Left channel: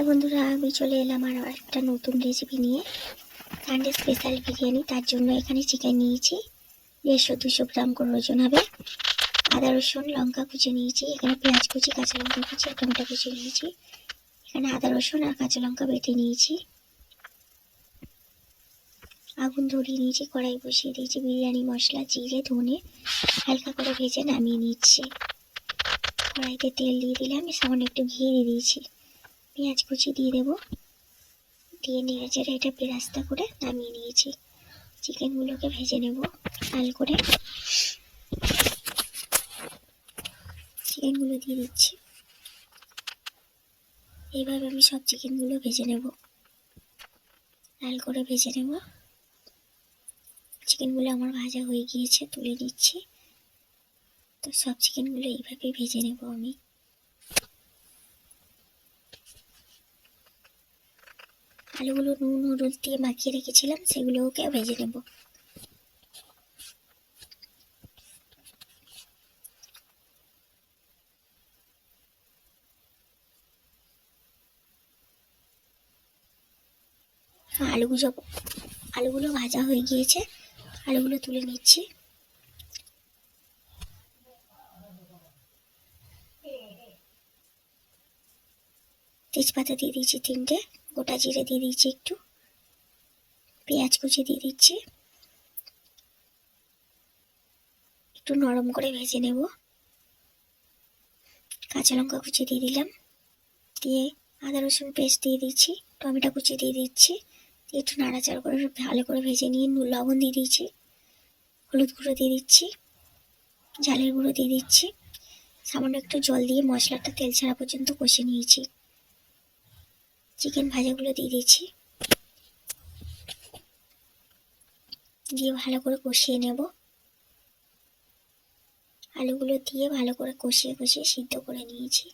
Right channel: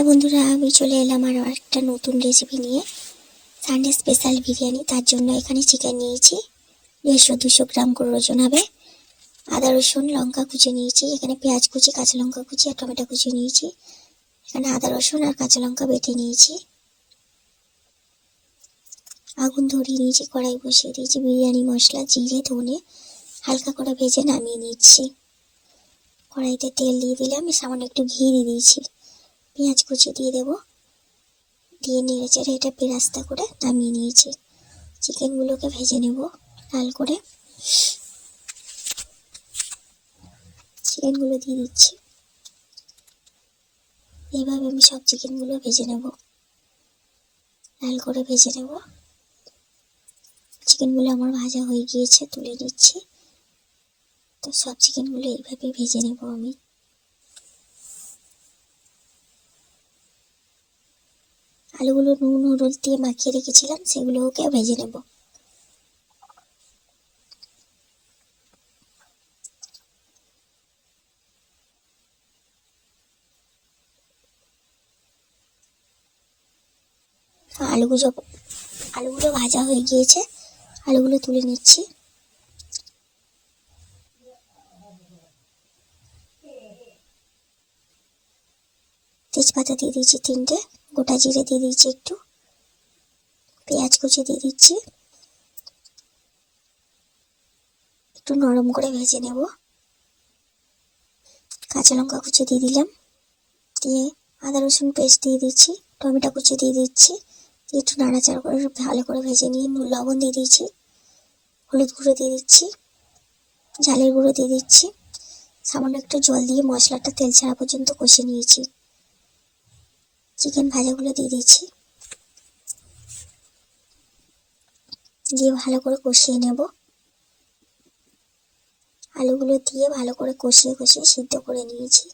High বন্ধুরা, আমি চলে এলাম আর একটা নতুন রেসিপি নিয়ে। Sunday special biryani. তার জন্য এখানে চিকেন নিয়েছি 150-200 গ্রাম করে ওজন হবে। আদা রসুন লঙ্কা কুচি নিয়েছি, এখানে পেঁয়াজ কুচি, কাঁচা লঙ্কা কুচি আর টমেটো কুচি নিয়েছি। এখানে আদা রসুন আর কাঁচা লঙ্কা বেটে নিয়েছি। আগুন ধরিয়ে নিয়েছি, কড়াই বসিয়ে দিয়েছি। বিরিয়ানি মশলা, জিরে, ধনে হালকা করে ভেজে নামিয়ে নিচ্ছি। কড়াইতে তেল দিয়ে দিলাম, সামান্য একটু ঘি দিয়ে দিয়েছি। পেঁয়াজ কুচি দিয়ে দেবো, দিয়ে নেড়ে চেড়ে এটা বেরাস্তা করে নামিয়ে নিয়েছি। চিকেনগুলোকে ভেজে নেব লাল করে। চিকেনগুলো দিয়ে দিচ্ছি। এইভাবে আমি সব চিকেনগুলো ভেজে নেব, লাল করে ভেজে নেব। চিকেনগুলো আমার ভাজা হয়ে গিয়েছে, তুলে নিচ্ছি। তো সব চিকেনগুলো এইভাবেই ভেজে নেব আমি। আলুগুলো নুন হলুদ দিয়ে মাখিয়ে রেখেছিলাম, সেগুলোকে ভেজে নেব। আলুগুলো ভাজা হয়ে গিয়েছে, আলুগুলো তুলে নিচ্ছি। তেজপাতা দিয়ে দিচ্ছি 3টে, গোটা জিরে দিয়ে দিচ্ছি একটু, পেঁয়াজ কুচি দিয়ে দিচ্ছি। একটু নরম করে ভেজে নেব। কাঁচা লঙ্কা কুচি দিয়ে দিলাম, দিয়ে আদা রসুন পেস্ট দিয়ে দিচ্ছি, টমেটো কুচি দিয়ে দিচ্ছি। দিয়ে একটু নাড়াচাড়া করে ভালো করে ভেজে নিয়ে লবণ দিয়ে দিচ্ছি, হলুদ গুঁড়ো দিয়ে দিচ্ছি, ঝালের গুঁড়ো দিয়ে দিচ্ছি। সামান্য একটু জল দিয়ে মশলাটা তেল ছাড়া পর্যন্ত কষে নিয়েছি। চিকেন ভাজাগুলো দিয়ে দিচ্ছি, দিয়ে ভালো করে কষিয়ে নেব। আলুগুলো দিয়ে ভালো করে কষিয়ে সিদ্ধ করে নিয়েছি।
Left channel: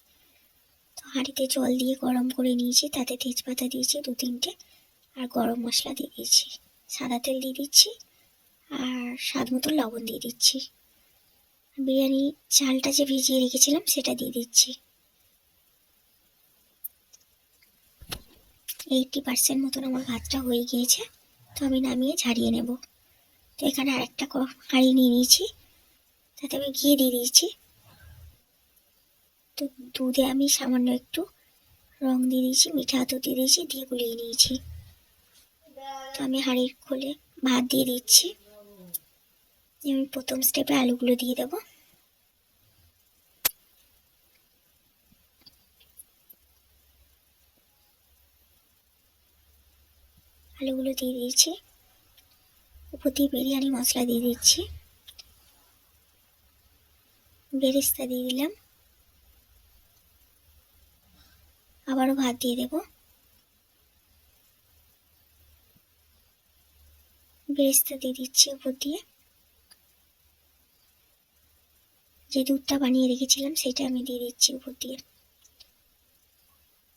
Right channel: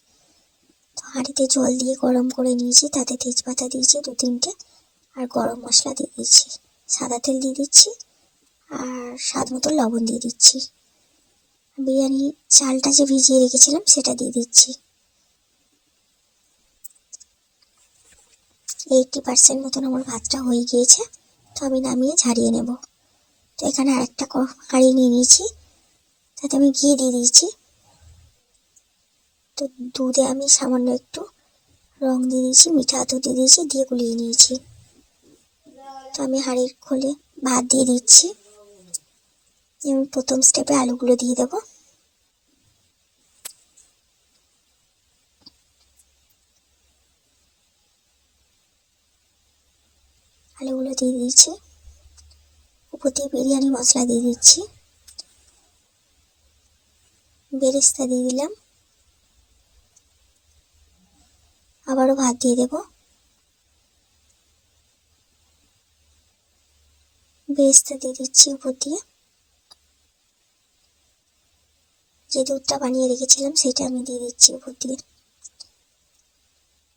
তো হাঁড়িতে জল দিয়ে গরম করে নিয়েছি, তাতে তেজপাতা দিয়েছি 2-3টে আর গরম মশলা দিয়ে দিচ্ছি। সাদা তেল দিয়ে দিচ্ছি আর স্বাদ মতো লবণ দিয়ে দিচ্ছি। বিরিয়ানি চালটা যে ভিজিয়ে রেখেছিলাম সেটা দিয়ে দিচ্ছি। 80% মতন আমার ভাতটা হয়ে গিয়েছে, তো আমি নামিয়ে ঝারিয়ে নেব। তো এখানে আরেকটা হাঁড়ি নিয়ে নিয়েছি, তাতে আমি ঘি দিয়ে দিয়েছি। তো দুধে আমি সামান্য একটু রং দিয়ে দিয়েছি, মিঠা আতর দিয়ে দিয়েছি, দিয়ে গুলিয়ে নিয়েছি। তো আমি হাঁড়ির খোলে ভাত দিয়ে দিচ্ছি। আমি প্রথম স্টেপে আলুগুলো দিয়ে দেবো। আলুগুলো দিয়ে দিয়েছি, উপর দিয়ে বিরিয়ানি মশলা দিয়ে দিচ্ছি, বেরেস্তা দিয়ে দিলাম, আবারও ভাত দিয়ে দেবো। বেরেস্তা দিয়ে দিচ্ছি উপর দিয়ে। যে দুধটা বানিয়ে রেখেছিলাম সেটা আমি দিয়ে দিচ্ছি উপর দিয়ে।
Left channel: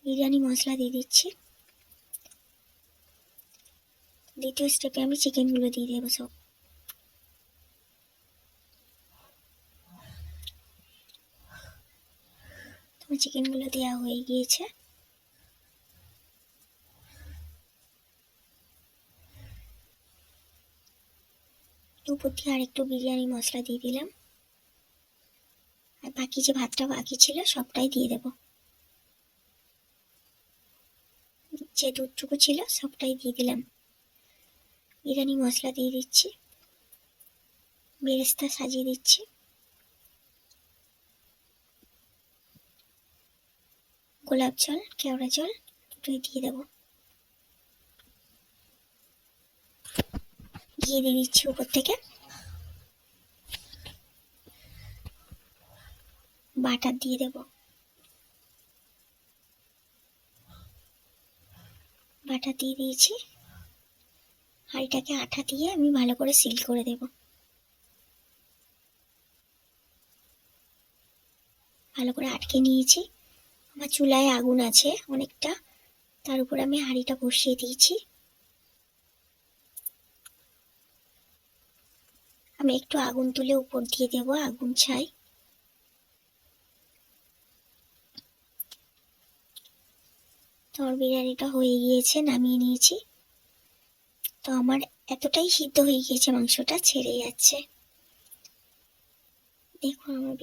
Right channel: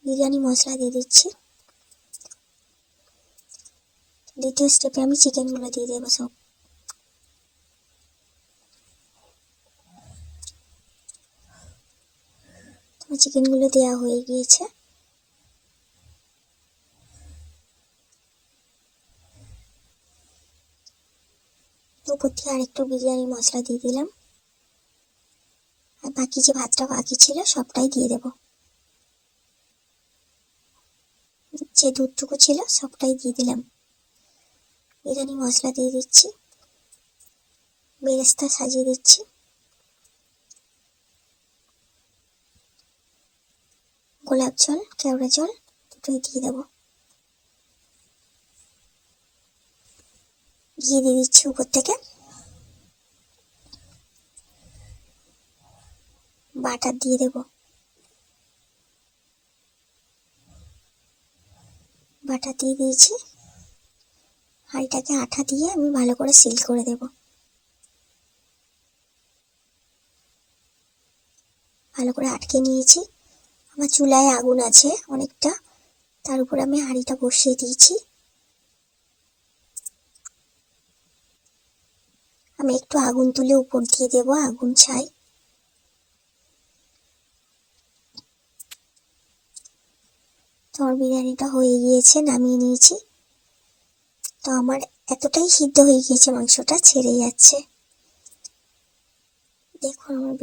বিরিয়ানি মশলা দিয়ে দিচ্ছি। দ্বিতীয় স্টেপে আমি চিকেনগুলো দিয়ে দেবো সব। তোমার চিকেনগুলো দেওয়া হয়ে গিয়েছে। উপর দিয়ে আরেকটু বিরিয়ানি মশলা দিয়ে দিলাম, আর বাকি যে ভাতটা বাকি ছিল সবটাই দিয়ে দেব। যে দুধটুকু ছিল সবটাই দিয়ে দিলাম। বিরিয়ানি মশলা দিয়ে দিচ্ছি, বেরেস্তা সাজিয়ে দিচ্ছি, গোলাপ জল কেওড়া জল দুটোই দিয়ে দেবো। ঘি দিয়ে দিচ্ছি উপর থেকে। বাটার দিয়ে দেব, বাটার দিয়ে দিয়েছি। হাঁড়িটাকে আঠা দিয়ে আমি ভালো করে সিল করে দেব। ভালো করে আটকে নিয়েছি। আমার চুলায় আগুন আছে অনেকটা, তার উপর আমি হাঁড়িটা বসিয়ে দিয়েছি। আমি একটু আগুন তুলে উপর দিয়ে দেবো, আগুন ছাই। তো আমার বিরিয়ানিটা হয়ে গিয়েছে, নামিয়ে নিয়েছি। তো আমার এতটাই সিদ্ধ হয়ে গিয়েছে, মাংসটা ছেড়ে যাচ্ছে। দেখুন আমার